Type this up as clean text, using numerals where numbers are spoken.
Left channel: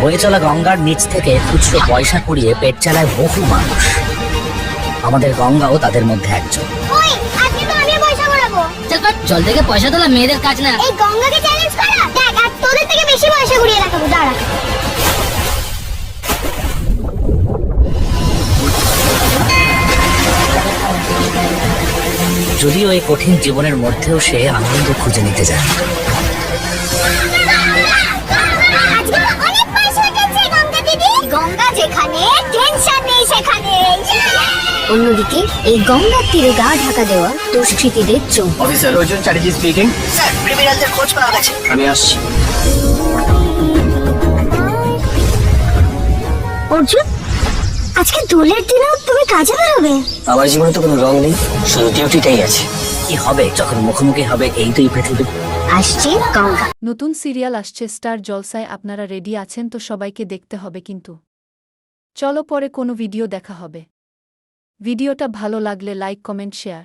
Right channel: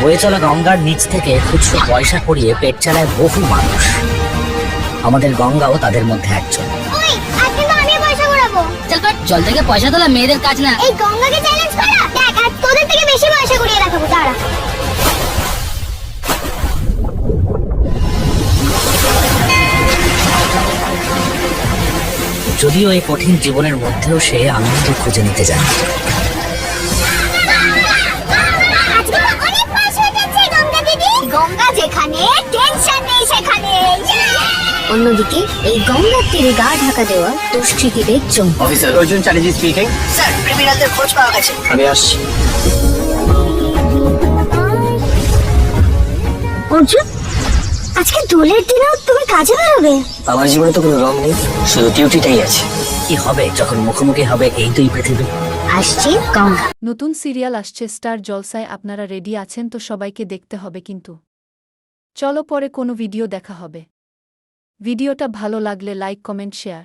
বয়ে চলা গঙ্গার নিচ থেকে খুচরো পয়সা করিয়ে পেট চালায় বহু মানুষ। আমাদের গঙ্গাও তাদের মধ্যে একজন। ওই আজকে তো আমি পয়সা করাবো। চল বাট, জল থেকে পয়সা তোলা মেয়েদের কাজ না। এই গঙ্গাকে চ্যালেঞ্জ করা, দেখ আর তোদের থেকে বেশি পয়সা ঘুরিয়ে রাখাবো। দাঁড়া। যদিও এই কঠিন জীবনের মধ্যেও সে আনন্দ খুঁজে নিতে জানে। আজকে তো অনেক পয়সা উঠেছে গঙ্গা দিদি। গঙ্গা যেখানে টেনশন নেই সেখানে। অন্যদিকে এই গঙ্গার তীরে গা ঢাকা দেওয়া দুষ্কৃতীদের চমক। Officer Arjun Chatterjee speaking. Sir, ক্রিমিনালদের খোঁজ পাওয়া গেছে। আমি আসছি। অর্জুন, আজকে দোলের দিনও তুমি কাজে বেরোবে? আমার জীবনে তো কোনো রং নেই, শুধু ডিউটিটাই আছে। কি হবে যখন মুখোমুখি হবে এই দুই পৃথিবী? আসছি গঙ্গা। নতুন সিরিয়াল আসছে স্টার জলসায়, আপনারা রেডি আছেন তো? সবাইকে দেখতে হবে কিন্তু। চলো পরে কোনো ভিডিও দেখা হবে। ভিডিওটা ভালো লাগলে লাইক, কমেন্ট, শেয়ার।